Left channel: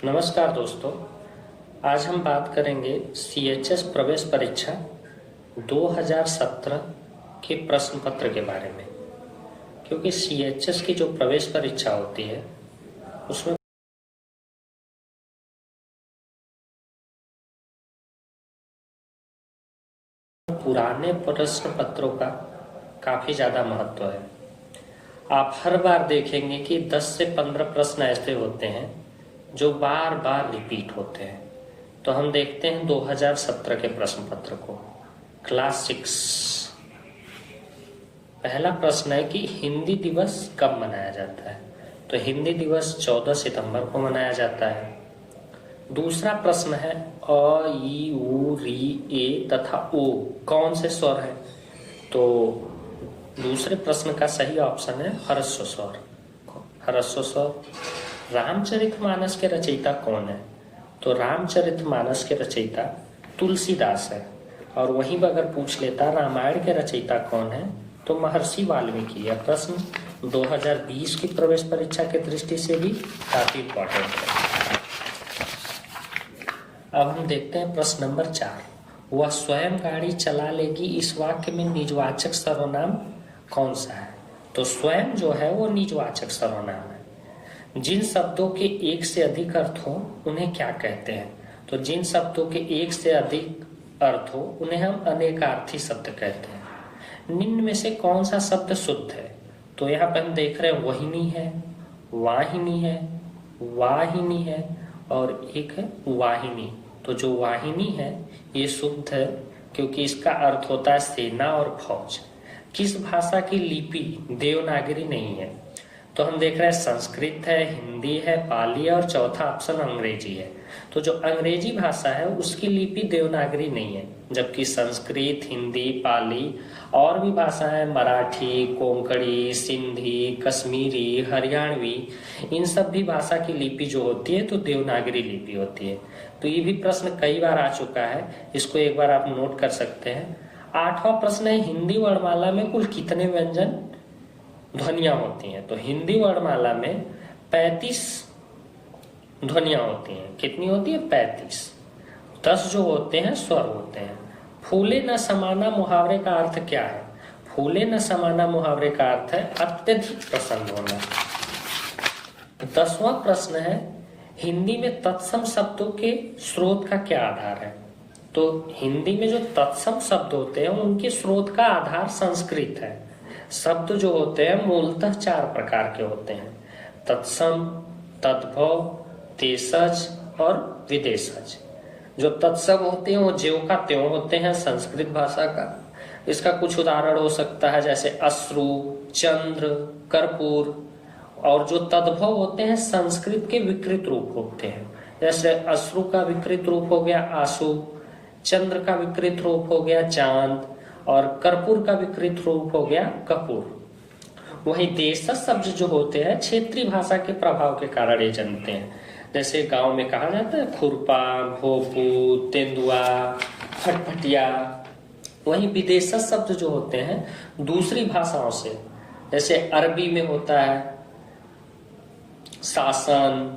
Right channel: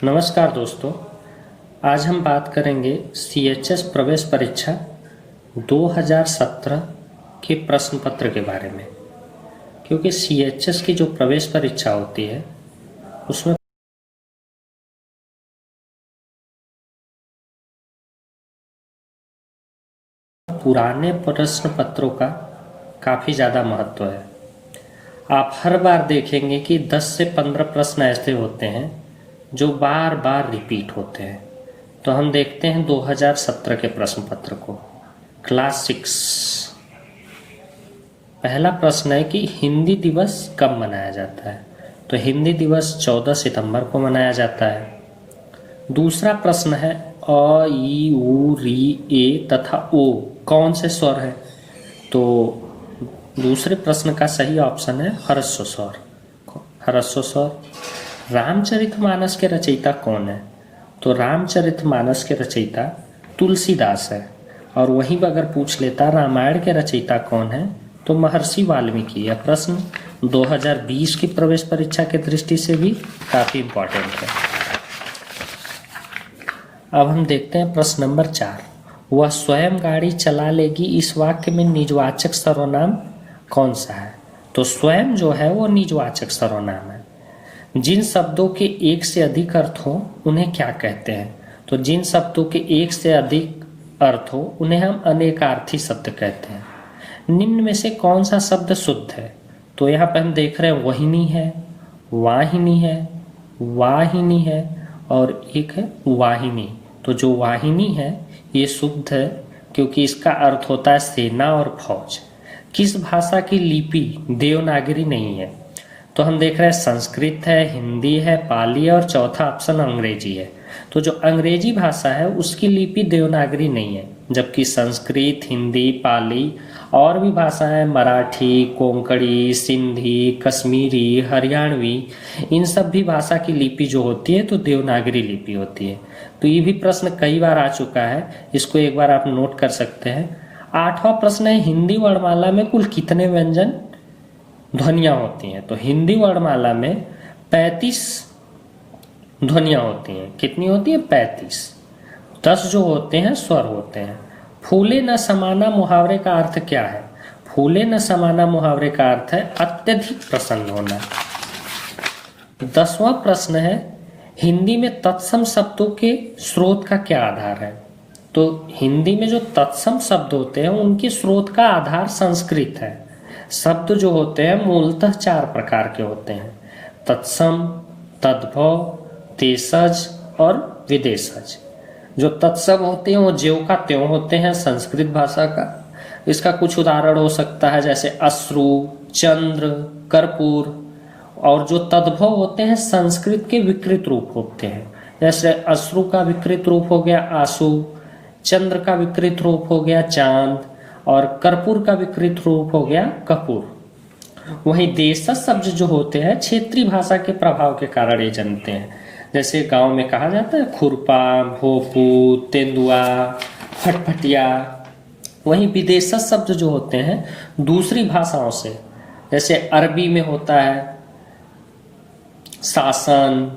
नमस्कार दोस्तों। आज हम बात करेंगे सीएचएस प्रवेश परीक्षा 2017 के प्रश्न पत्र के बारे में। क्योंकि सीएचएस की जो प्रवेश परीक्षा होती है उसमें पुराने प्रश्न पत्रों का काफ़ी ज़्यादा महत्व है। आप हर बार देखेंगे कि 10 से 15 प्रश्न ऐसे होते हैं जो बार बार रिपीट होते हैं। तो हम देखते हैं 2017 के प्रश्न पत्र को। क्लास 6 पहला प्रश्न है कि हिंदी दिवस कब मनाया जाता है। तो हिंदी दिवस 14 सितंबर को मनाया जाता है। दूसरा प्रश्न है अ, ई, उ, री, ए तथा ओ कौन से स्वर है। तो दूसरे प्रश्न का सही ऑप्शन है ह्रस्व स्वर। ह्रस्व स्वर। रामचरितमानस के रचयिता कौन है। तो रामचरितमानस के रचयिता तुलसीदास है। और वहीं अगर पूछ लेता रामायण के रचयिता कौन है तो महर्षि वाल्मीकि। यह प्रश्न 2020 की प्रवेश परीक्षा की दृष्टि से भी काफी इम्पोर्टेंट है। अब हम देखते हैं प्रश्न नंबर 4। वह स्वयं गाड़ी चला लेगी, इस वाक्य में निजवाचक सर्वनाम कौन सा है। तो स्वयं जो है वो निजवाचक सर्वनाम है। जिन शब्दों के एक से अधिक अर्थ हो उन्हें क्या कहते हैं। तो जिन शब्दों के एक से अधिक अर्थ हो उन्हें हम अनेकार्थी शब्द कहते हैं। निम्न में से कौन सा शब्द शुद्ध है। तो यहाँ पर हम देख रहे हैं वहिनी है, वाहिनी है, वाहिनी है और एक है वाहिनी। तो जो वाहिनी है ये शुद्ध है क्योंकि इसका अर्थ होता है सेना और फौज। किस भाषा की लिपि देवनागरी नहीं है। तो हम देख रहे हैं संस्कृत है, हिंदी है, पाली है और चौथा ऑप्शन अंग्रेजी है। तो जो अंग्रेजी भाषा है उसकी लिपि देवनागरी नहीं है, जबकि संस्कृत, हिंदी, पाली और भी भाषाएं मराठी, कोंकणी, सिंधी, कश्मीरी, हरियाणवी, इन सब भी भाषा की लिपि जो होती है तो देवनागरी लिपि होती है। तो ये भी प्रश्न कई बार आ चुका है, इसको एक बार आप नोट कर सकते हैं। 8वां प्रश्न है हिंदी वर्णमाला में कुल कितने व्यंजन ध्वनियां होती हैं। तो हिंदी वर्णमाला में 35 ध्वनियां होती हैं। कितनी होती है? 35। 10 जो होते हैं स्वर होते हैं। फूले न समाना मुहावरे का अर्थ क्या है। फूले न समाना मुहावरे का अर्थ है अत्यधिक प्रसन्न होना। 10वां प्रश्न है हिंदी में तत्सम शब्दों के स्रोत का क्या आधार है। तो हिंदी में जो तत्सम शब्द होते हैं उनके स्रोत का आधार संस्कृत है। शब्द जो होते हैं मूलतः 4 प्रकार के होते हैं, तत्सम, तद्भव, तेसज और विदेशज। जो तत्सम होते हैं वो ज्यों का त्यों होते हैं संस्कृत भाषा का। इसका कुछ उदाहरण हो सकता है जैसे अश्रु, चंद्र, कर्पूर। और जो तद्भव होते हैं संस्कृत के विकृत रूप होते हैं, जैसे अश्रु का विकृत रूप हो गया आंसू, चंद्र का विकृत रूप हो गया चांद और कर्पूर का विकृत रूप हो गया कपूर। वहीं देशज शब्द जो होते हैं क्षेत्रीय भाषा के प्रभाव के कारण ये जनते हैं। जैसे गांव में कहा जाता है खुरपा, भोपू, तेंदुआ, फटफटिया। वहीं विदेशज शब्द जो होते हैं दूसरी भाषाओं से, जैसे अरबी में होता है शासन,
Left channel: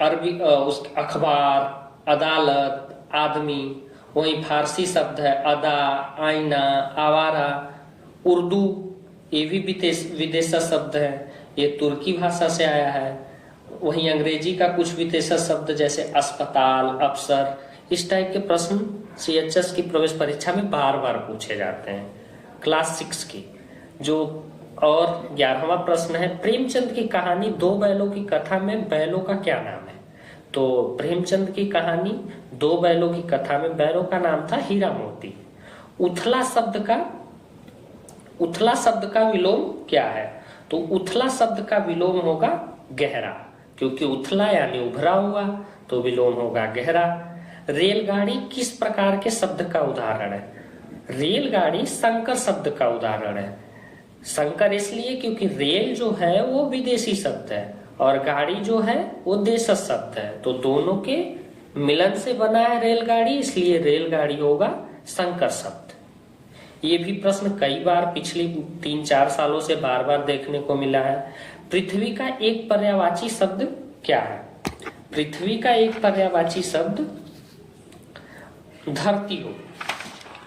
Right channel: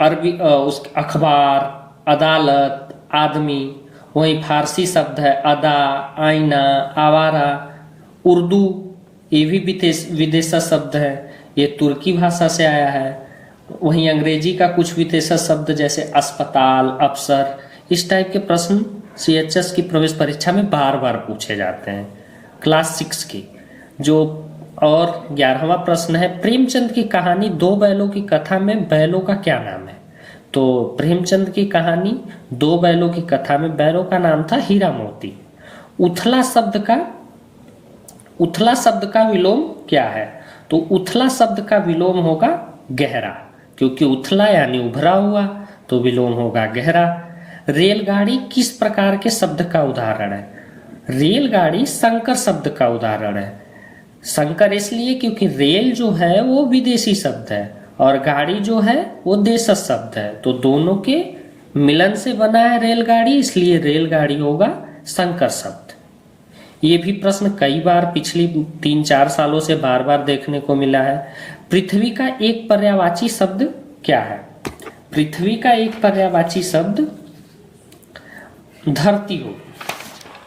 अरबी उस अखबार, अदालत, आदमी। वहीं फारसी शब्द है अदा, आईना, आवारा। उर्दू ये भी विदेशी शब्द है, ये तुर्की भाषा से आया है। वहीं अंग्रेजी का कुछ विदेशी शब्द जैसे अस्पताल, अफसर। इस टाइप के प्रश्न सीएचएस की प्रवेश परीक्षा में बार बार पूछे जाते हैं। क्लास 6 की जो और 11वां प्रश्न है प्रेमचंद की कहानी दो बैलों की कथा में बैलों का क्या नाम है। तो प्रेमचंद की कहानी दो बैलों की कथा में बैलों का नाम था हीरा मोती। उथला शब्द का विलोम क्या है। तो उथला शब्द का विलोम होगा गहरा, क्योंकि उथला यानी उभरा हुआ, तो विलोम होगा गहरा। रेलगाड़ी किस प्रकार के शब्द का उदाहरण है। रेलगाड़ी संकर शब्द का उदाहरण है। संकर इसलिए क्योंकि रेल जो है वो विदेशी शब्द है और गाड़ी जो है वो देशज शब्द है, तो दोनों के मिलन से बना है रेलगाड़ी, इसलिए रेलगाड़ी होगा संकर शब्द। ये भी प्रश्न कई बार पिछली 3-4 सालों से बार बार देखने को मिला है। पृथ्वी का एक पर्यायवाची शब्द क्या है? पृथ्वी का एक पर्यायवाची शब्द धरती हो।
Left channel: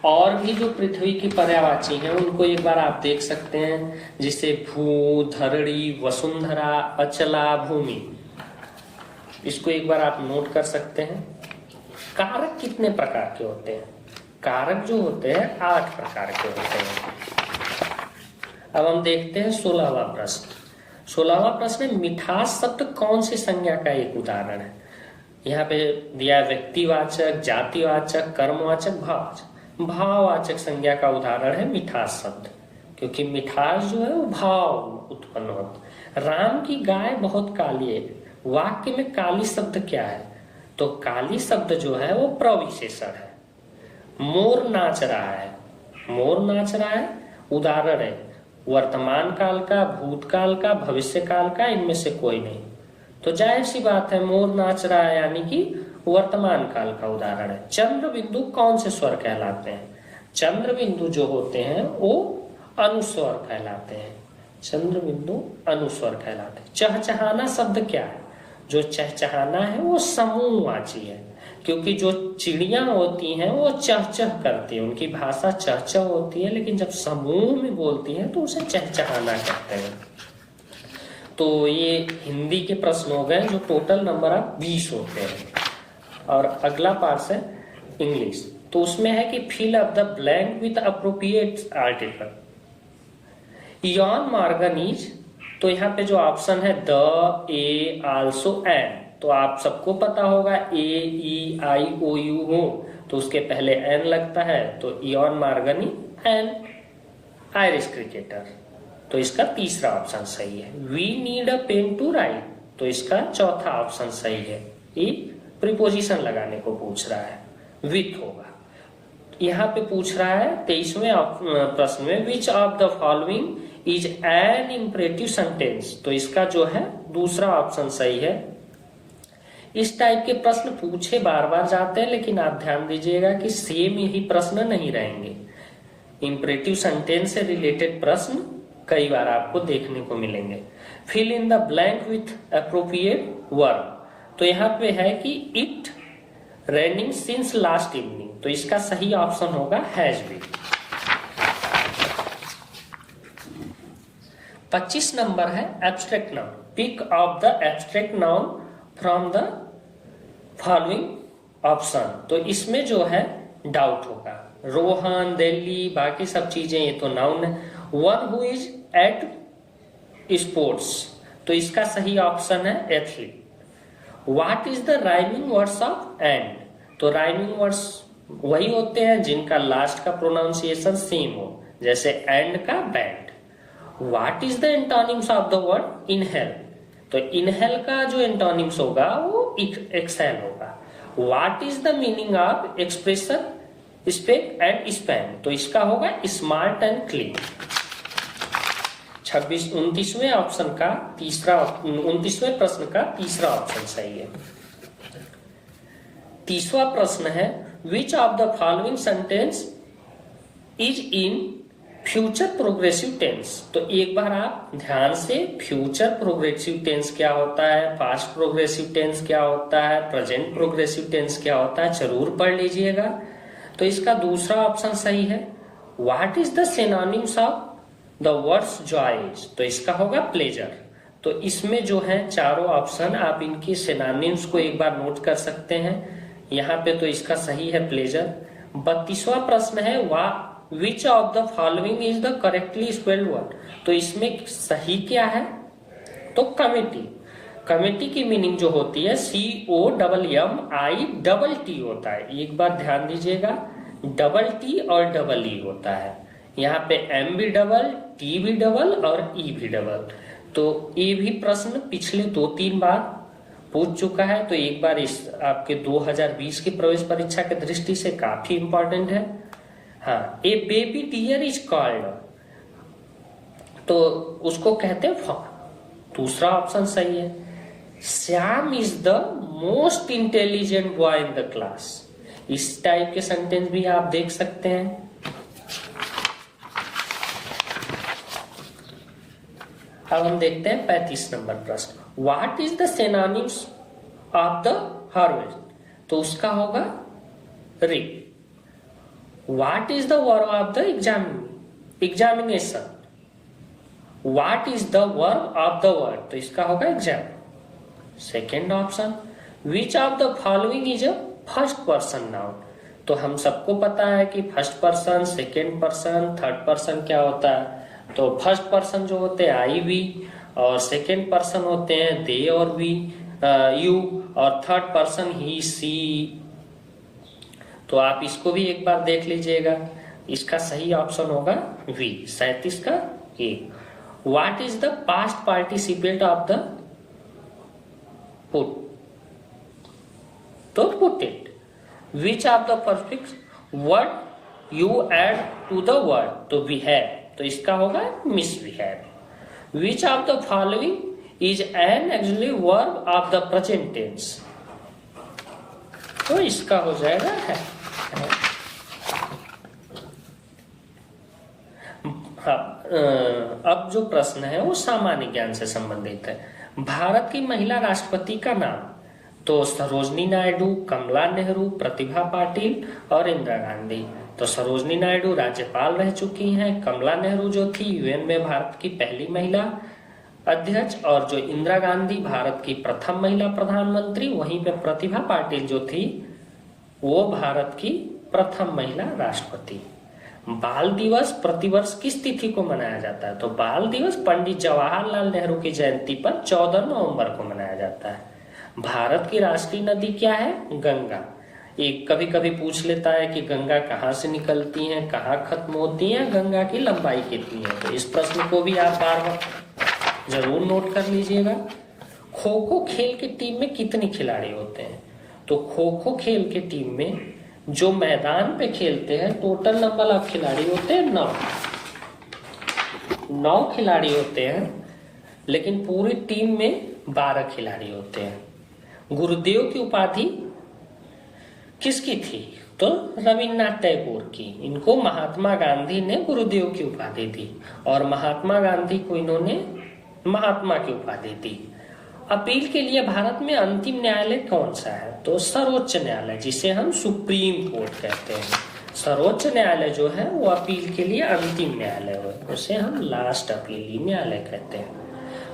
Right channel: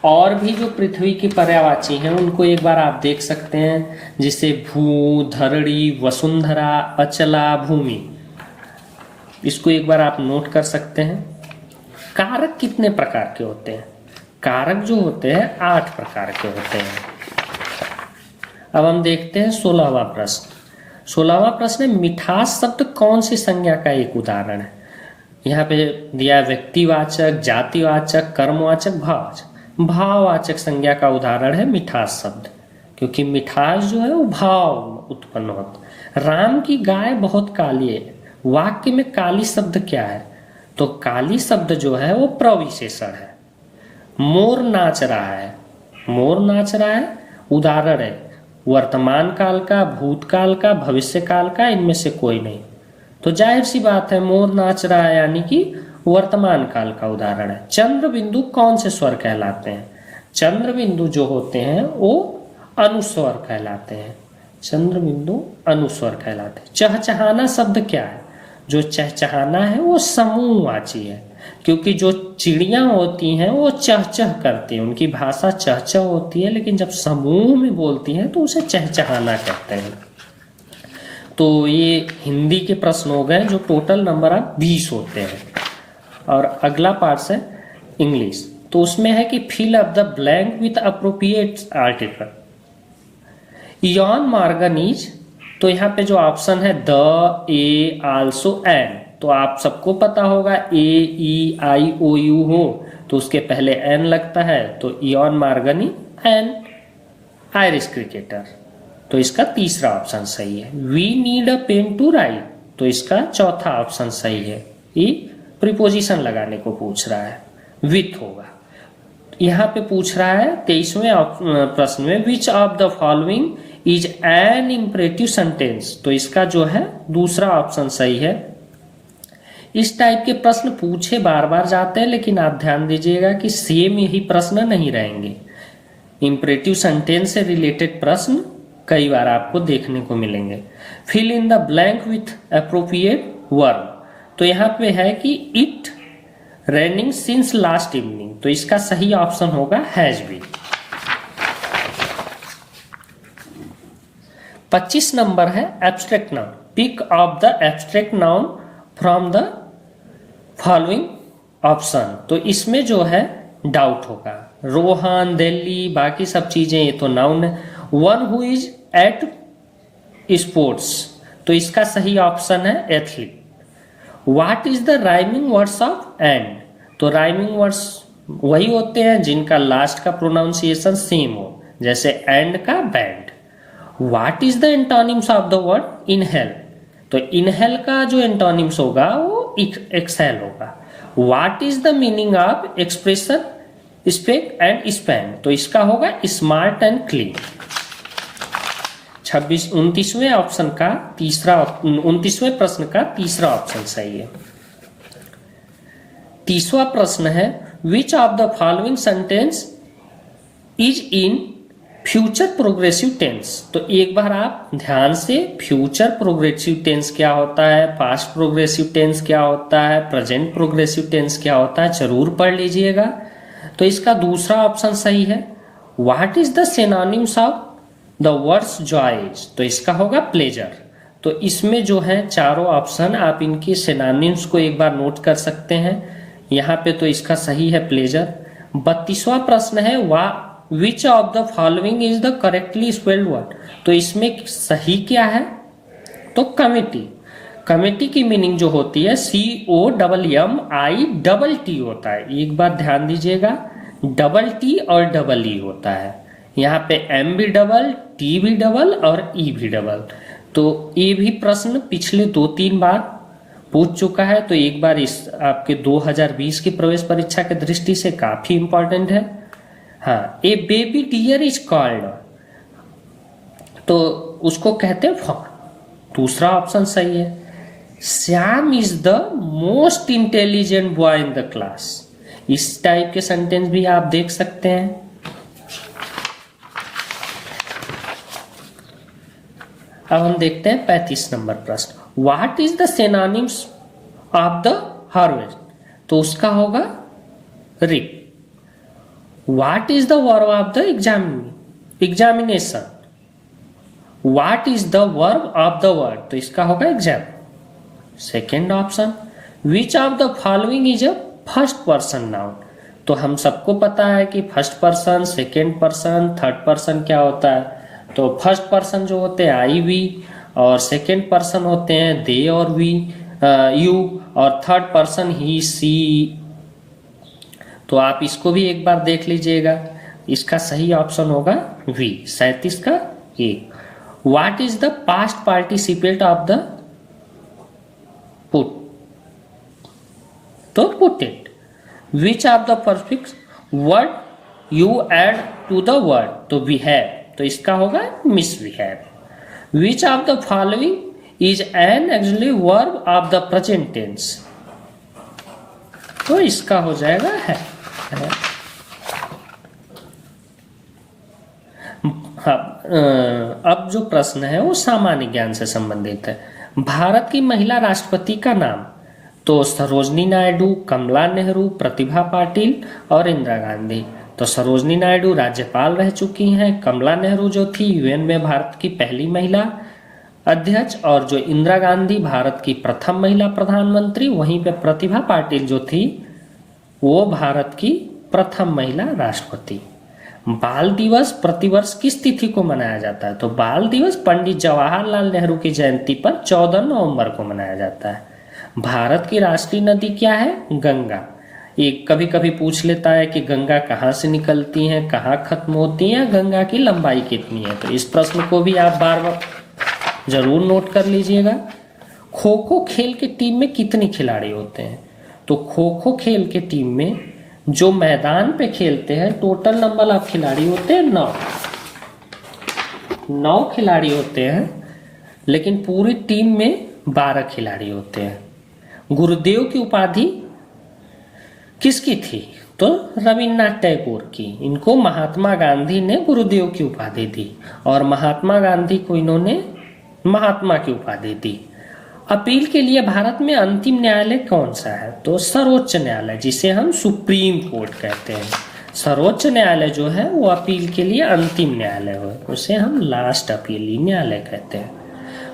और भी जो पृथ्वी की पर्यायवाची हैं उनको एक बार आप देख सकते हैं, जैसे भू, धरणी, वसुंधरा, अचला, भूमि। इसको एक बार आप नोट कर सकते हैं। कारक कितने प्रकार के होते हैं? कारक जो होते हैं 8 प्रकार के होते हैं। अब हम देखते हैं 16वां प्रश्न। 16वां प्रश्न है, मिठास शब्द कौन सी संज्ञा का एक उदाहरण है? यहाँ पे दिया व्यक्तिवाचक, जातिवाचक, कर्मवाचक, भाववाचक। भाववाचक संज्ञा का उदाहरण है मिठास शब्द, क्योंकि मिठास जो है वो भाव उत्पन्न होता है। राम की गाय बहुत काली है। वाक्य में काली शब्द क्या है? तो काली शब्द जो है वो प्रविशेषण है। मोर नाच रहा है। मोर नाच रहा है उदाहरण है वर्तमान काल का, भूतकाल का, भविष्य काल का, इनमें से कोई नहीं। तो जाहिर सी बात है मोर नाच रहा है यानी कि वर्तमान काल का उदाहरण है। चंद्र बिंदु कौन से स्वर कहलाते हैं? चंद्र बिंदु जो होते हैं वो अनुस्वर कहलाते हैं। चंद्र बिंदु अनुस्वर कहलाते हैं। चहचहाना शब्द क्या है? जो चहचहाना है वो समूहवाची है, क्योंकि जो चिड़ियां होती हैं वो चहचह करती हैं, उनकी भाषा चहचह होती है, लेकिन जब समूह में बोलती हैं तो उसे चहचहाना कहते हैं। तो ये हिंदी के प्रश्न हो गए जो टोटल नंबर ऑफ 20 होते हैं। और अगला पार्ट है इंग्लिश। तो उसमें है कि fill up the blank with appropriate article. Eoin Morgan is, तो यहाँ पे जो ऑप्शन है द, ए, आल्सो, एंड, तो आप सबको पता होगा ए, ई, आई, ओ, यू हो तो उसके पहले एन लगता है, तो Eoin Morgan an Irish cricketer, तो इसका तीसरा ऑप्शन सही है। We need a pen to write, तो इसका चौथा ऑप्शन सही है। ये प्रीपोजिशन लगाने को पूछ रहा है, विथ होगा। यहाँ पे पूछ रहा है 23वें प्रश्न में विच of the following is N imperative sentence, तो इसका जो है दूसरा ऑप्शन सही है। इस टाइप के प्रश्न पूछे बार बार जाते हैं, लेकिन आप ध्यान दीजिएगा कि सेम यही प्रश्न नहीं रहेंगे। इंपरेटिव सेंटेंस से रिलेटेड प्रश्न कई बार आपको देखने को मिलेंगे। Fill in the blank with appropriate verb, तो यहाँ पे है कि it raining since last evening, तो इसका सही ऑप्शन होगा हैज बीन। 25 नंबर है abstract noun. Pick of the abstract noun from the following option, तो इसमें जो है डाउट होगा। रोहन, दिल्ली, बाकी सब चीजें ये तो नाउन है। One who is eight sports, तो इसका सही ऑप्शन है athlete. What is the rhyming words of and, तो राइमिंग वर्ड्स वही होते हैं जिनका लास्ट का प्रोनाउंसिएशन सेम हो, जैसे एंड का band. What is the antonyms of the word inhale, तो इनहेल का जो एंटोनिम्स होगा वो एक्सहेल होगा। What is the meaning of expression spick and span, तो इसका होगा स्मार्ट एंड क्लीन। 29वें ऑप्शन का तीसरा, 29वें प्रश्न का तीसरा ऑप्शन सही है। 30वां प्रश्न है which of the following sentence is in future progressive tense, तो एक बार आप ध्यान से फ्यूचर प्रोग्रेसिव टेंस क्या होता है, पास्ट प्रोग्रेसिव टेंस क्या होता है, प्रेजेंट प्रोग्रेसिव टेंस क्या होता है, जरूर पढ़ लीजिएगा। तो इसका दूसरा ऑप्शन सही है। What is the synonyms of the words joys, तो इसका होगा प्लेजर। तो इसमें जो है चारों ऑप्शन आप इनके सिनोनिम्स को एक बार नोट कर सकते हैं। यहाँ पे तो इसका सही है प्लेजर। 32वां प्रश्न है which of the following is the correctly spelled word, तो इसमें सही क्या है, तो कमिटी। कमिटी की मीनिंग जो होती है COMMIT होता है। एक बार ध्यान दीजिएगा, डबल टी और डबल ई होता है। यहाँ पे M भी डबल, T भी डबल और E भी डबल। तो ये भी प्रश्न पिछले 2-3 बार पूछ चुका है, तो एक बार इस आपके 2020 की प्रवेश परीक्षा की दृष्टि से काफी इंपॉर्टेंट है। हाँ, ए बेबी डियर इज कॉल्ड, तो उसको कहते हैं फॉक्स, दूसरा ऑप्शन सही है। Shyam is the most intelligent boy in the class, इस टाइप के सेंटेंस भी आप देख सकते हैं। अब हम देखते हैं 35 नंबर प्रश्न, what is the synonyms of the harvest, तो उसका होगा reap. What is the verb of the examination, what is the verb of the word, तो इसका होगा exam. Second option, which of the following is a first person noun, तो हम सबको पता है कि first person, second person, third person क्या होता है। तो फर्स्ट पर्सन जो होते हैं आई वी, और सेकेंड पर्सन होते हैं दे और वी यू, और थर्ड पर्सन ही सी। तो आप इसको भी एक बार देख लीजिएगा, इसका सही ऑप्शन होगा वी, 37 का A. What is the past participate of the put, तो put it. Which of the prefix word you add to the word, तो वी हैव, तो इसका होगा miss we have. Which of the following is an actually verb of the present tense, तो इसका हो जाएगा है। अब जो प्रश्न है वो सामान्य ज्ञान से संबंधित है। भारत की महिला राष्ट्रपति का नाम, तो सरोजनी नायडू, कमला नेहरू, प्रतिभा पाटिल और इंदिरा गांधी। तो सरोजनी नायडू राज्यपाल रह चुकी हैं, कमला नेहरू जो थी यूएन में भारत की पहली महिला अध्यक्ष, और जो इंदिरा गांधी भारत की प्रथम महिला प्रधानमंत्री, वहीं पे प्रतिभा पाटिल जो थी वो भारत की प्रथम महिला राष्ट्रपति। बाल दिवस प्रतिवर्ष किस तिथि को मनाया जाता है, तो बाल दिवस पंडित जवाहरलाल नेहरू की जयंती पर 14 नवंबर को मनाया जाता है। भारत की राष्ट्रीय नदी क्या है, गंगा। ये कभी कभी पूछ लेता है कि गंगा कहाँ से निकलती है, कहाँ खत्म होती है, गंगा की लंबाई कितनी है, तो इस प्रश्न को भी आप बार बार जरूर नोट कर लीजिएगा। खो खो खेल की टीम में कितने खिलाड़ी होते हैं, तो खो खो खेल के टीम में जो मैदान पे खेलते हैं टोटल नंबर ऑफ खिलाड़ी होते हैं 9 खिलाड़ी होते हैं, लेकिन पूरी टीम में 12 खिलाड़ी होते हैं। गुरुदेव की उपाधि किसकी थी, तो रविन्द्रनाथ टैगोर की। इनको महात्मा गांधी ने गुरुदेव की उपाधि दी, और महात्मा गांधी को इन्होंने महात्मा की उपाधि दी। अपील के लिए भारत में अंतिम न्यायालय कौन सा है, तो सर्वोच्च न्यायालय, जिसे हम सुप्रीम कोर्ट कहते हैं। सर्वोच्च न्यायालय जो है वो अपील के लिए अंतिम न्यायालय है, उसे हम लास्ट अपील न्यायालय कहते हैं।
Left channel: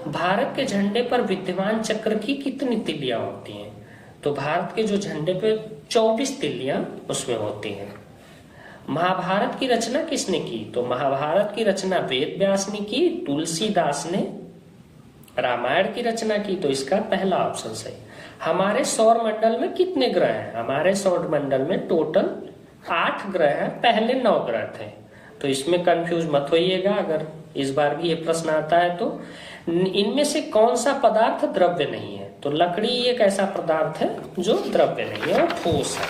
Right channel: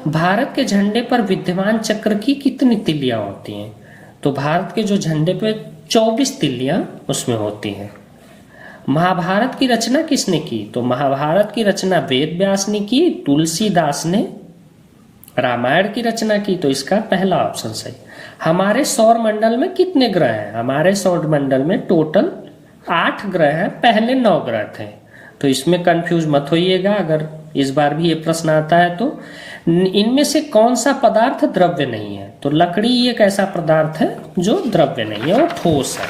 भारत के झंडे पर विद्यमान चक्र की कितनी तिल्लियां होती हैं, तो भारत के जो झंडे पे 24 तिल्लियां उसमें होती हैं। महाभारत की रचना किसने की, तो महाभारत की रचना वेद व्यास ने की, तुलसीदास ने रामायण की रचना की, तो इसका पहला ऑप्शन सही। हमारे सौर मंडल में कितने ग्रह हैं, हमारे सौर मंडल में टोटल 8 ग्रह हैं, पहले 9 ग्रह थे, तो इसमें कंफ्यूज मत होइएगा अगर इस बार भी ये प्रश्न आता है तो। इनमें से कौन सा पदार्थ द्रव्य नहीं है, तो लकड़ी एक ऐसा पदार्थ है जो द्रव्य नहीं है, वो ठोस है।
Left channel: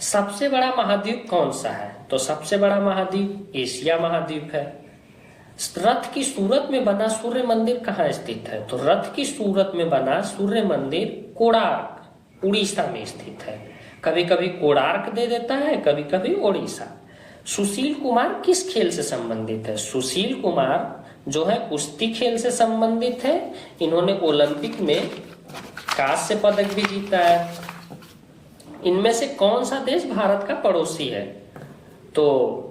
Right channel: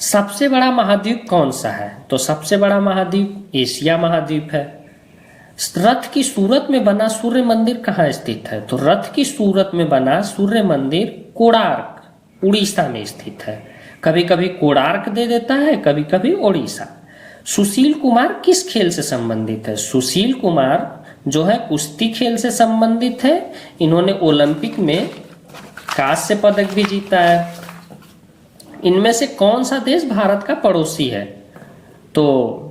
सबसे बड़ा महाद्वीप कौन सा है, तो सबसे बड़ा महाद्वीप एशिया महाद्वीप है। रथ की सूरत में बना सूर्य मंदिर कहाँ स्थित है, तो रथ की सूरत में बना सूर्य मंदिर कोणार्क उड़ीसा में स्थित है। कभी कभी कोणार्क दे देता है, कभी कभी उड़ीसा। सुशील कुमार किस खेल से संबंधित है, सुशील कुमार जो है कुश्ती खेल से संबंधित है। इन्होंने ओलंपिक में कांस्य पदक भी जीता है। इनमें से कौन सा देश भारत का पड़ोसी है, तो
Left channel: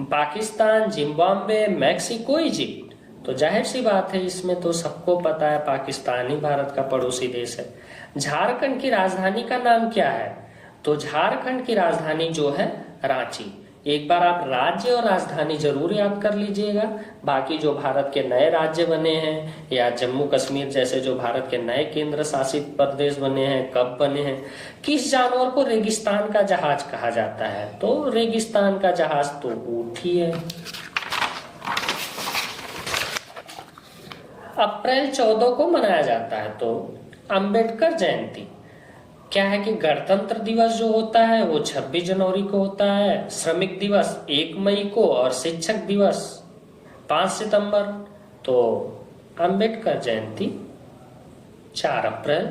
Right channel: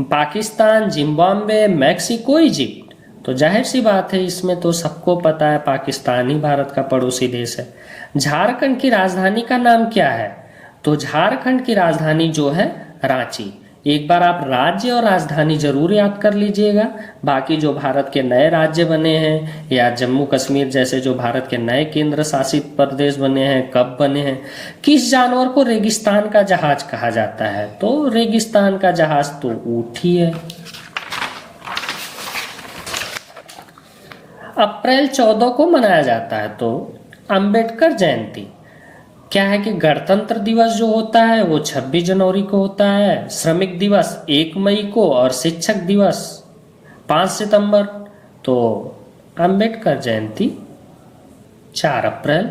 पाकिस्तान, जिम्बाब्वे, मैक्सिको, इजिप्ट। तो जाहिर सी बात है इसमें तो सबको पता है पाकिस्तान ही भारत का पड़ोसी देश है। झारखंड की राजधानी का नाम क्या है, तो झारखंड की राजधानी जो है रांची। एक बार आप राज्य और राजधानी जरूर याद कर लीजिएगा। बाकी जो भारत के नए राज्य बने हैं या जम्मू कश्मीर जैसे जो भारत के नए केंद्र शासित प्रदेश बने हैं, कब बने हैं। किस जानवर को रेगिस्तान का जहाज कहा जाता है, तो रेगिस्तान का जहाज तो ऊंट ही है। अप्रैल 14 को मनाया जाता है तो अंबेडकर जयंती। क्या है कि गणतंत्र दिवस जो होता है वो 26 जनवरी को होता है, श्रमिक दिवस 1 मई को, और शिक्षक दिवस 5 सितंबर। तो अंबेडकर जयंती 4 अप्रैल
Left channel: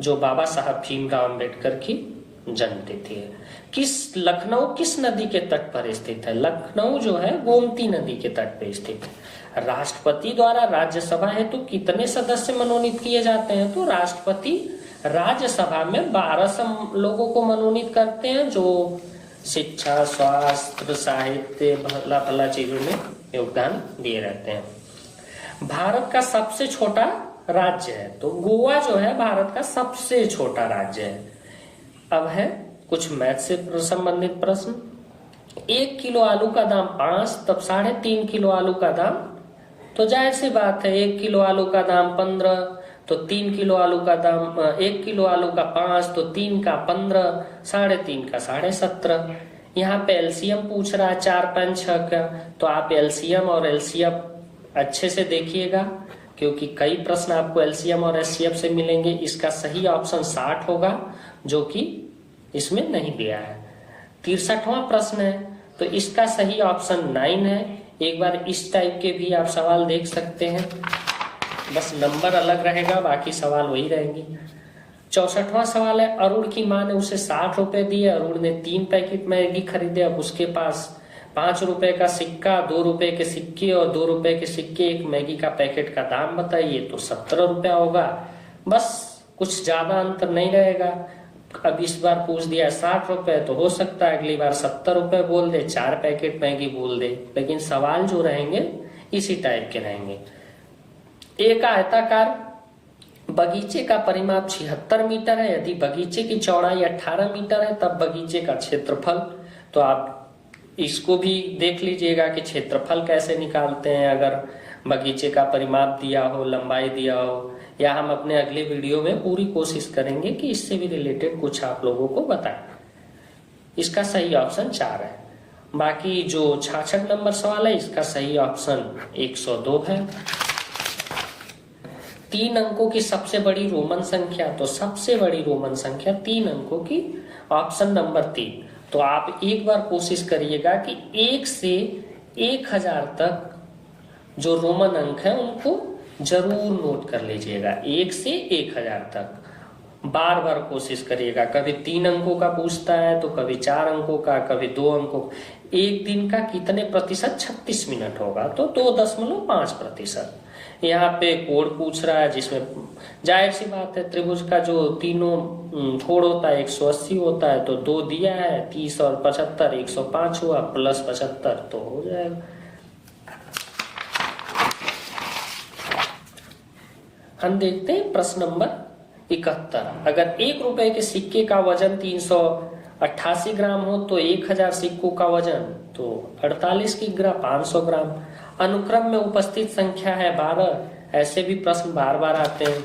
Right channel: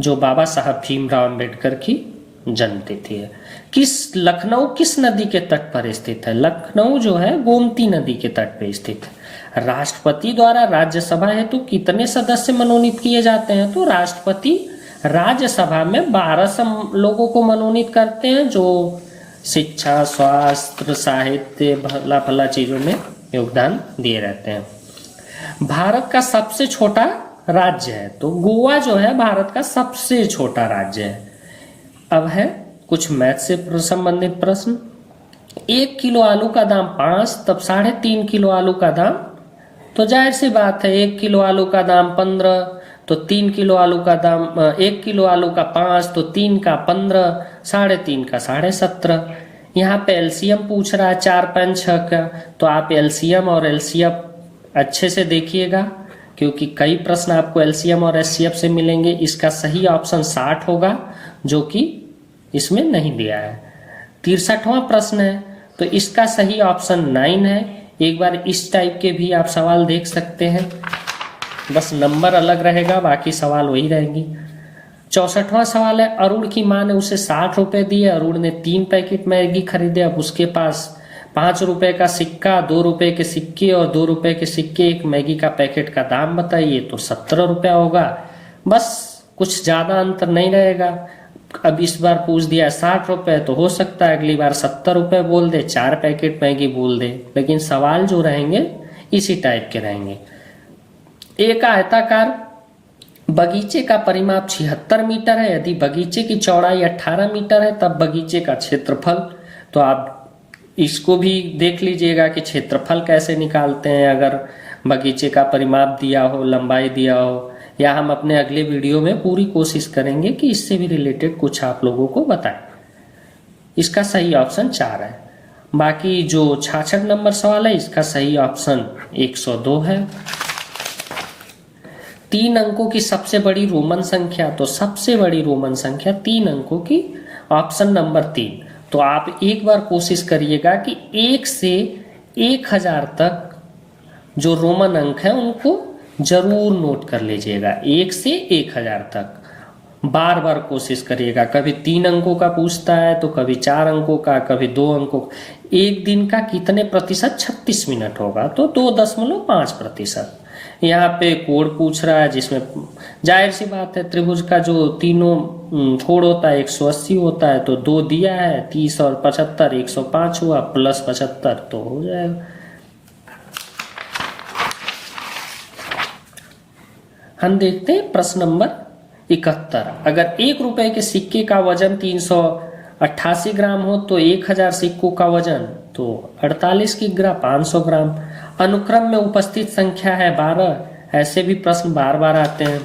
जो बाबा साहब भीमराव अंबेडकर की जन्मतिथि है। लखनऊ किस नदी के तट पर स्थित है, लखनऊ जो है गोमती नदी के तट पर स्थित है। राष्ट्रपति द्वारा राज्यसभा हेतु कितने सदस्य मनोनीत किए जाते हैं? तो राष्ट्रपति राज्यसभा में 12 लोगों को मनोनीत करते हैं जो शिक्षा, स्वास्थ्य, साहित्य, भला भला चीजों में योगदान दिए रहते हैं। भारत का सबसे छोटा राज्य है, तो गोवा जो है भारत का सबसे छोटा राज्य है। अब है कुछ मैथ से संबंधित प्रश्न। 1 किलो आलू का दाम 5, तब 3.5 किलो आलू का दाम, तो जाहिर सी बात है 1 किलो आलू का दाम 15, तो 3 किलो आलू का दाम 1 किलो आलू का 5, तो 3 का 15, 3.5 का 17.5। यहाँ पे एलसीएम पूछ रहा है 4, 5, 6 का, तो आप एलसीएम और एलसीएफ अच्छे से देखिएगा क्योंकि कई प्रश्न आपको एलसीएम और एचसीएफ से मिलेंगे। इसका सही ऑप्शन 60 होगा जो कि इसमें नहीं दिया है। 63वां प्रश्न है, तो इसका सही ऑप्शन 9 है। एक बार इस टाइप के भी आप सवाल देख सकते हैं, बस नंबर अलग रहेगा, बाकी सवाल वही रहेंगी। 64वां सवाल है, अरुण की मां ने उसे 60 रुपए दिए। अरुण ने 3 पैकेट मैगी खरीदे। अब उसके पास 5 रुपए का सिक्का, 2 रुपए के सिक्के और 2 रुपए के सिक्के, एक मैगी का पैकेट का दाम बताइए। तो 17 रुपया होगा, बस कुछ ज्यादा अंतर नहीं रहेगा। अब इस बार पूछ दिया 60 रुपए, तो हो सकता है अगली बार 70 रुपए बोल दे, 4 पैकेट मैगी बोल दे, लेकिन सवाल जो रहेंगे इसी टाइप के रहेंगे। एक आयताकार बगीचे का परिमाप 76 मीटर है। यदि बगीचे की चौड़ाई 18 मीटर है तब बगीचे का क्षेत्रफल, तो आप इसको भी देख लीजिएगा कि क्षेत्रफल कैसे निकालते हैं अगर बगीचे का परिमाप दिया हो, लंबाई दिया हो, या हम अपने अगले वीडियो में पूरी कोशिश करेंगे कि इससे भी रिलेटेड कुछ आप लोगों को बताएं। इसका सही ऑप्शन 4 है। बाकी जो 66 नंबर सवाल है इसका सही ऑप्शन 102 है। 3 अंकों की सबसे बड़ी रोमन संख्या, तो सबसे बड़ी रोमन संख्या 3 अंकों की, ऑप्शन नंबर 3। तो आप एक बार कोशिश करिएगा कि 1 से 1000 तक जो रोमन अंक है उनको जरूर नोट कर लीजिएगा। 1 से 1000 तक बार बार कोशिश करिएगा। कभी 3 अंकों का पूछता है, तो कभी 4 अंकों का, कभी 2 अंकों। एक दिन का कितने प्रतिशत? 36 मिनट होगा, तो 2.5%। यहाँ पे कोण पूछ रहा है, जिसमें जाहिर सी बात है त्रिभुज का जो तीनों कोण होता है 180 होता है, तो 2 दिया है, 30 और 75, 105 हुआ, प्लस 75 तो हो जाएगा। हम देखते हैं प्रश्न नंबर 71। अगर 1 रुपए के सिक्के का वजन 388 ग्राम हो तो 1000 सिक्कों का वजन तो 48 किग्रा 500 ग्राम। अनुक्रम में उपस्थित संख्या है 12। ऐसे भी प्रश्न बार बार आते हैं।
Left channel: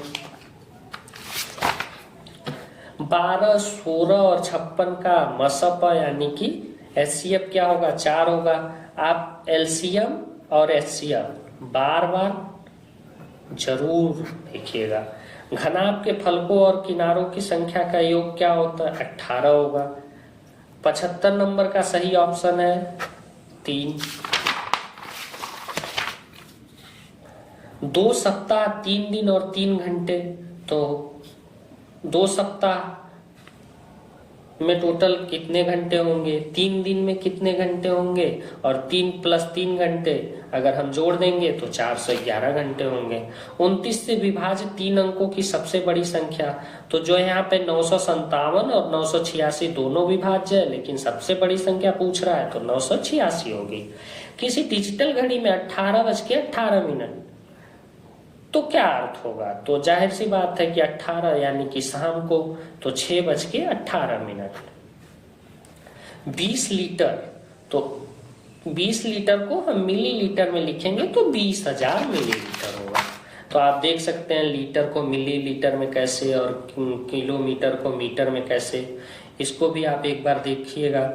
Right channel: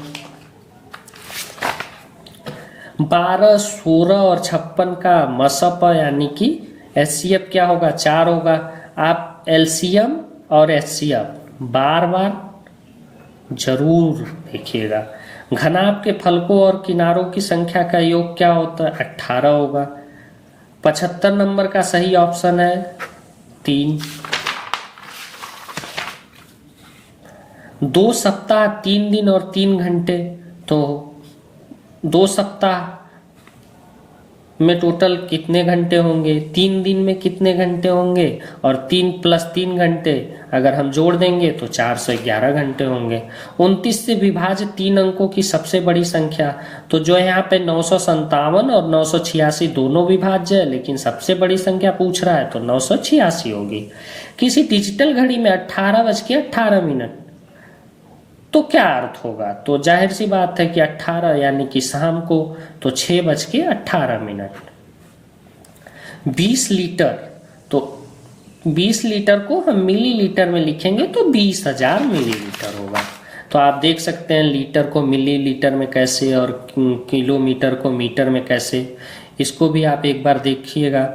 12, 16 और 56 का मसप यानी कि एचसीएफ क्या होगा? 4 होगा। आप एलसीएम और एचसीएफ बार बार जरूर देखिएगा। घनाभ के फलकों और किनारों की संख्या का योग क्या होता है? 18 होगा। 75 नंबर का सही ऑप्शन है 3। 2 सप्ताह 3 दिन और 3 घंटे, तो 2 सप्ताह में टोटल कितने घंटे होंगे? 3 दिन में कितने घंटे होंगे? और 3 + 3 घंटे अगर हम जोड़ देंगे तो 411 घंटे होंगे। 29 से विभाजित 3 अंकों की सबसे बड़ी संख्या, तो जो यहाँ पे 957 और 986 दोनों विभाज्य है, लेकिन सबसे बड़ी संख्या पूछ रहा है तो 986 होगी। किसी डिजिटल घड़ी में 18:18 तो क्या अर्थ होगा? तो जाहिर सी बात है कि 18 यानी कि शाम को, तो 6:18। 20 लीटर, तो 20 लीटर को हम मिलीलीटर में लिखेंगे तो 20,000 मिलीलीटर होगा। तो आप देख सकते हैं लीटर को मिलीलीटर में कैसे और किलोमीटर को मीटर में कैसे, इसको भी आप एक बार देखिएगा।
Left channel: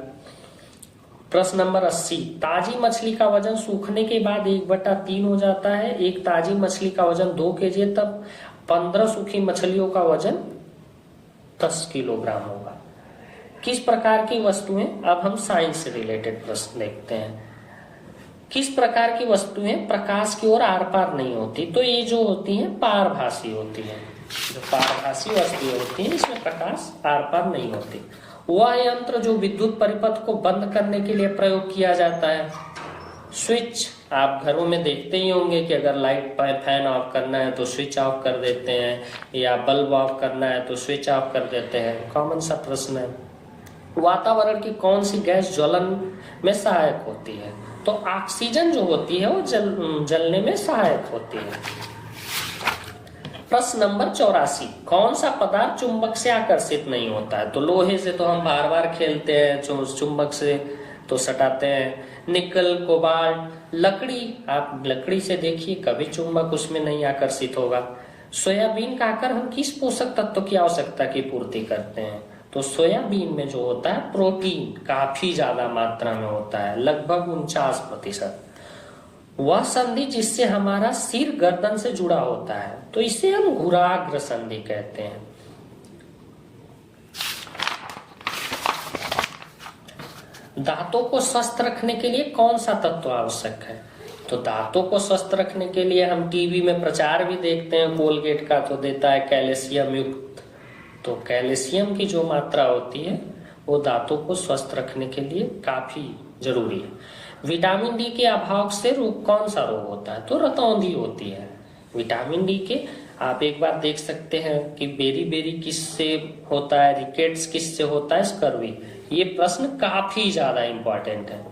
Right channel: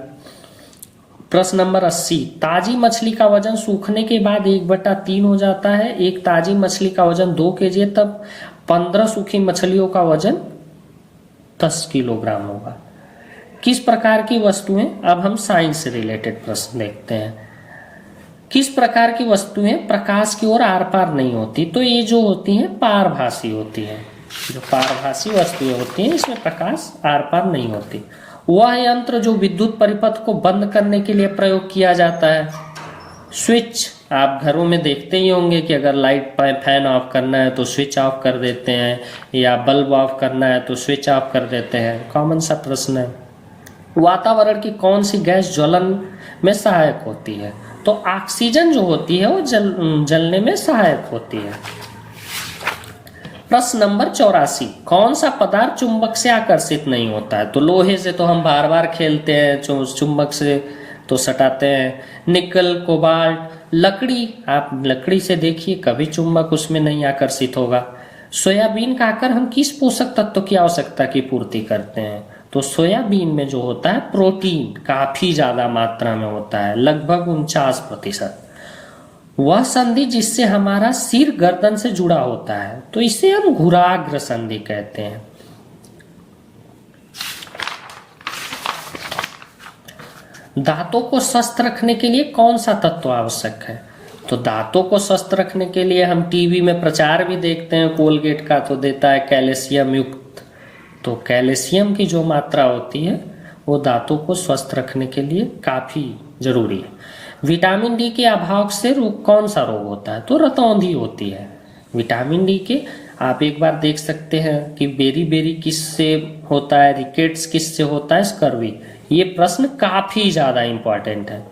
प्रश्न नंबर 80। ताजी मछली का वजन सूखने के बाद 1/3 हो जाता है। एक ताजी मछली का वजन 2 kg है, तब 15 सूखी मछलियों का वजन 10 किलोग्राम होगा। किस प्रकार की वस्तुएं, अब हम साइंस से रिलेटेड प्रश्न देखते हैं। किस प्रकार की वस्तुएं प्रकाश की ओर आर पार नहीं होती? तो ये जो होती हैं पारभासी होती हैं। जो पारभासी वस्तुएं होती हैं इसमें प्रकाश आर पार नहीं होती। वह यंत्र जो विद्युत परिपथ को बंद करने के लिए प्रयोग किया जाता है, स्विच आप घरों में देखते ही होंगे कि अगर लाइट फैन ऑफ करना है तो स्विच ऑफ कर देते हैं, या बल्ब ऑफ करना है तो स्विच ऑफ कर देते हैं। कॉमन सा प्रश्न है। वातावरण की कौन सी गैस ज्वलन में सहायक होती है? तो ऑक्सीजन जो होती है वो जलने में सहायक होती है। प्रश्न नंबर 84, कौन सा पदार्थ चुंबक से आकर्षित नहीं होता है? तो लोहे से तो हम बार बार खेलते हैं, चुंबक से तो सटाते हैं। निकल, कोबाल्ट, लकड़ी, आप लकड़ी से देखिए कभी चुंबक उसमें नहीं आकर्षित होगा। सोयाबीन खाकर हम किस पोषक तत्व की आवश्यकता की पूर्ति करते हैं? तो सोयाबीन में जो होता है प्रोटीन काफी ज्यादा मात्रा में होता है, लगभग 49%। वह संधि जिससे हमारा सिर गर्दन से जुड़ा होता है तो इसे हम घुराग्र संधि कहते हैं। दांतों को स्वस्थ रखने के लिए कौन सा तत्व आवश्यक है? तो दांतों को स्वस्थ रखने के लिए हम टीवी में प्रचार भी देखते हैं, कोलगेट का तो देता है कैल्शियम युक्त। तो कैल्शियम की जो मात्रा होती है वो दांतों को स्वस्थ रखने के लिए काफी जरूरी है। विटामिन डी के अभाव से कौन सा रोग होता है? तो रतौंधी होती है। विटामिन डी के आप एक बार देख सकते हैं कि बेरी बेरी किससे होता है, रिकेट्स किससे होता है, स्कर्वी। ये प्रश्न काफी ज्यादा इंपॉर्टेंट है।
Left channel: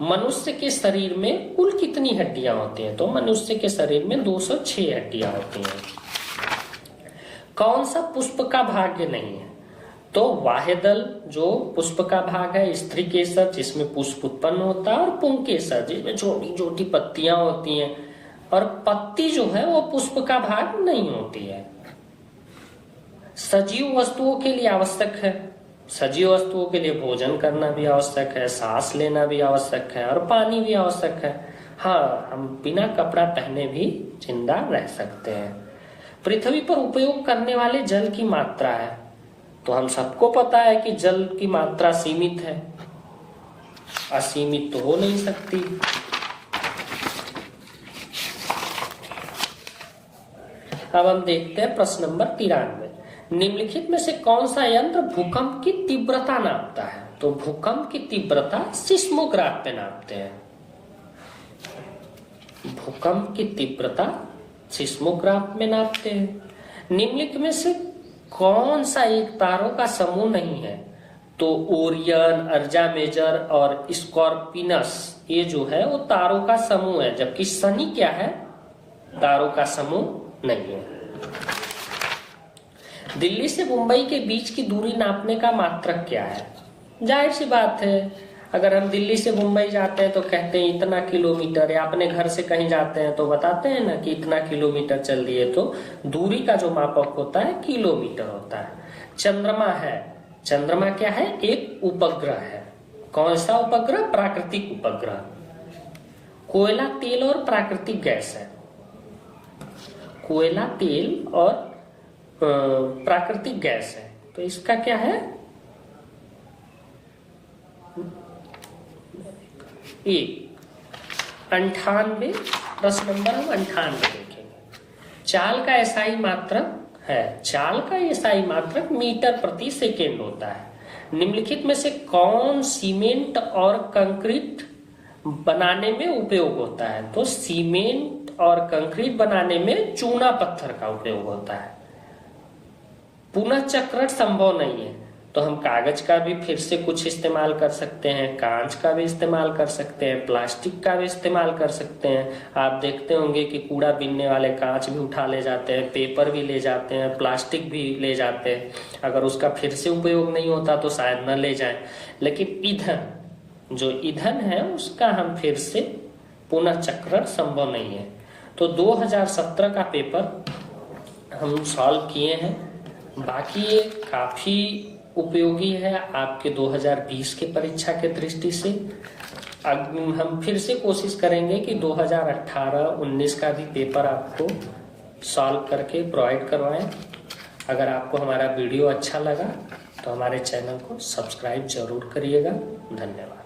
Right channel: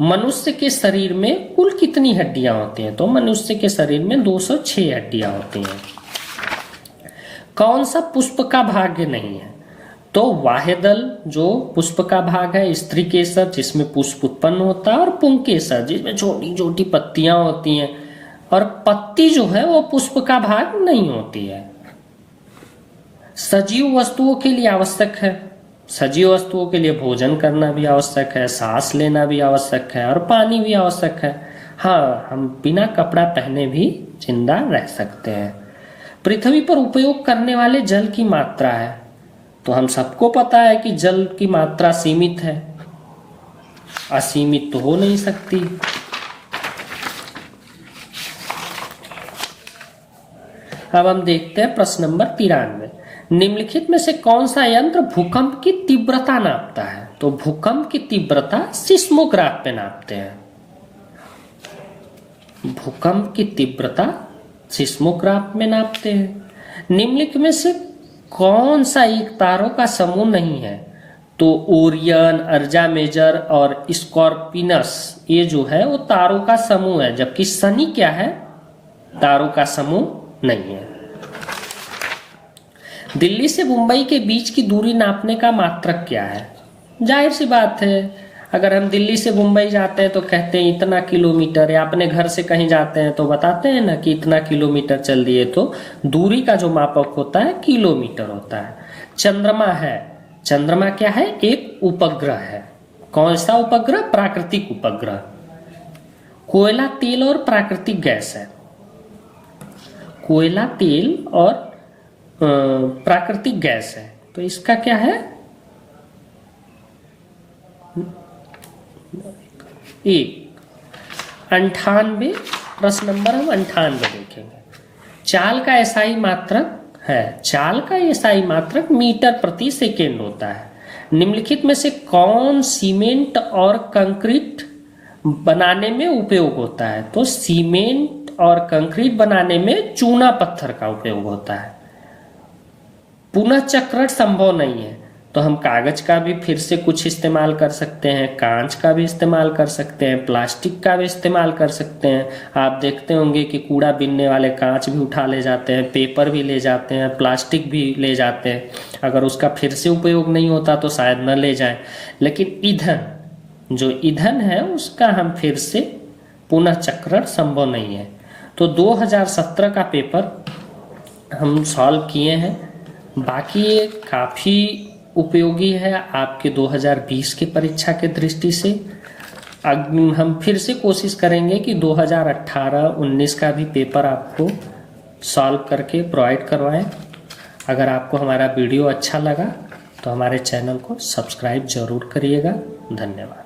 मनुष्य के शरीर में कुल कितनी हड्डियां होती हैं? तो मनुष्य के शरीर में 206 हड्डियां होती हैं। कौन सा पुष्प का भाग्य नहीं है? तो वाहेदल जो पुष्प का भाग है, स्त्री केसर जिसमें पुष्प उत्पन्न होता है, और पुंकेसर जिसमें छोटी छोटी पत्तियां होती हैं, और पत्ती जो है वो पुष्प का भाग नहीं होती है। सजीव वस्तुओं के लिए आवश्यक है, सजीव वस्तुओं के लिए भोजन करना भी आवश्यक है, सांस लेना भी आवश्यक है, और पानी भी आवश्यक है। हाँ, हम बिना कपड़ा पहने भी जिंदा रह सकते हैं। पृथ्वी पर उपयोग करने वाले जल की मात्रा है, तो हम सबको पता है कि जल की मात्रा सीमित है, असीमित तो हो नहीं सकती। अब हम देखते हैं प्रश्न नंबर 93, निम्नलिखित में से कौन सा यंत्र भूकंप की तीव्रता नापता है? तो भूकंप की तीव्रता सिस्मोग्राफ पे नापते हैं। भूकंप की तीव्रता सिस्मोग्राफ में नापते हैं। निम्नलिखित में से कौन सा एक तारों का समूह नहीं है? तो ओरियन, अर्जा मेजर और स्कॉर्पिनस ये जो है वो तारों का समूह है, जबकि शनि क्या है? तारों का समूह नहीं है। दिल्ली से मुंबई के बीच की दूरी नापने का मात्रक क्या है? जाहिर सी बात है, अगर हम दिल्ली से मुंबई जाते हैं तो कहते हैं इतना किलोमीटर, या अपने घर से कहीं जाते हैं तो बताते हैं ना कि इतना किलोमीटर चल दिए। तो दूरी का जो मापक होता है किलोमीटर होता है। चंद्रमा है, चंद्रमा क्या है? एक उपग्रह है। कौन सा उपग्रह? प्राकृतिक उपग्रह। कोयला, तेल और प्राकृतिक गैस है। कोयला, तेल और प्राकृतिक गैस है, तो इसका क्या है? एक 98। प्रश्न नंबर हम 98 देखेंगे। चाल का एसआई मात्रक है, चाल का एसआई मात्रक मीटर प्रति सेकेंड होता है। निम्नलिखित में से कौन सीमेंट और कंक्रीट बनाने में उपयोग होता है? तो सीमेंट और कंक्रीट बनाने में चूना पत्थर का उपयोग होता है। पुनः चक्रण संभव नहीं है, तो हम कागज का भी फिर से कुछ इस्तेमाल कर सकते हैं, कांच का भी इस्तेमाल कर सकते हैं, प्लास्टिक का भी इस्तेमाल कर सकते हैं। आप देखते होंगे कि कूड़ा बीनने वाले कांच भी उठा ले जाते हैं, पेपर भी ले जाते हैं, प्लास्टिक भी ले जाते हैं। अगर उसका फिर से उपयोग नहीं होता तो शायद न ले जाए, लेकिन ईंधन, जो ईंधन है उसका हम फिर से पुनः चक्रण संभव नहीं है। तो 2017 का पेपर हम सॉल्व किए हैं, बाकी ये काफ़ी उपयोगी है आपके 2020 की परीक्षा के दृष्टि से। अब हम फिर से कोशिश करेंगे कि 2018-19 का भी पेपर आपको सॉल्व करके प्रोवाइड करवाएं। अगर आपको हमारा वीडियो अच्छा लगा तो हमारे चैनल को सब्सक्राइब जरूर करिएगा। धन्यवाद।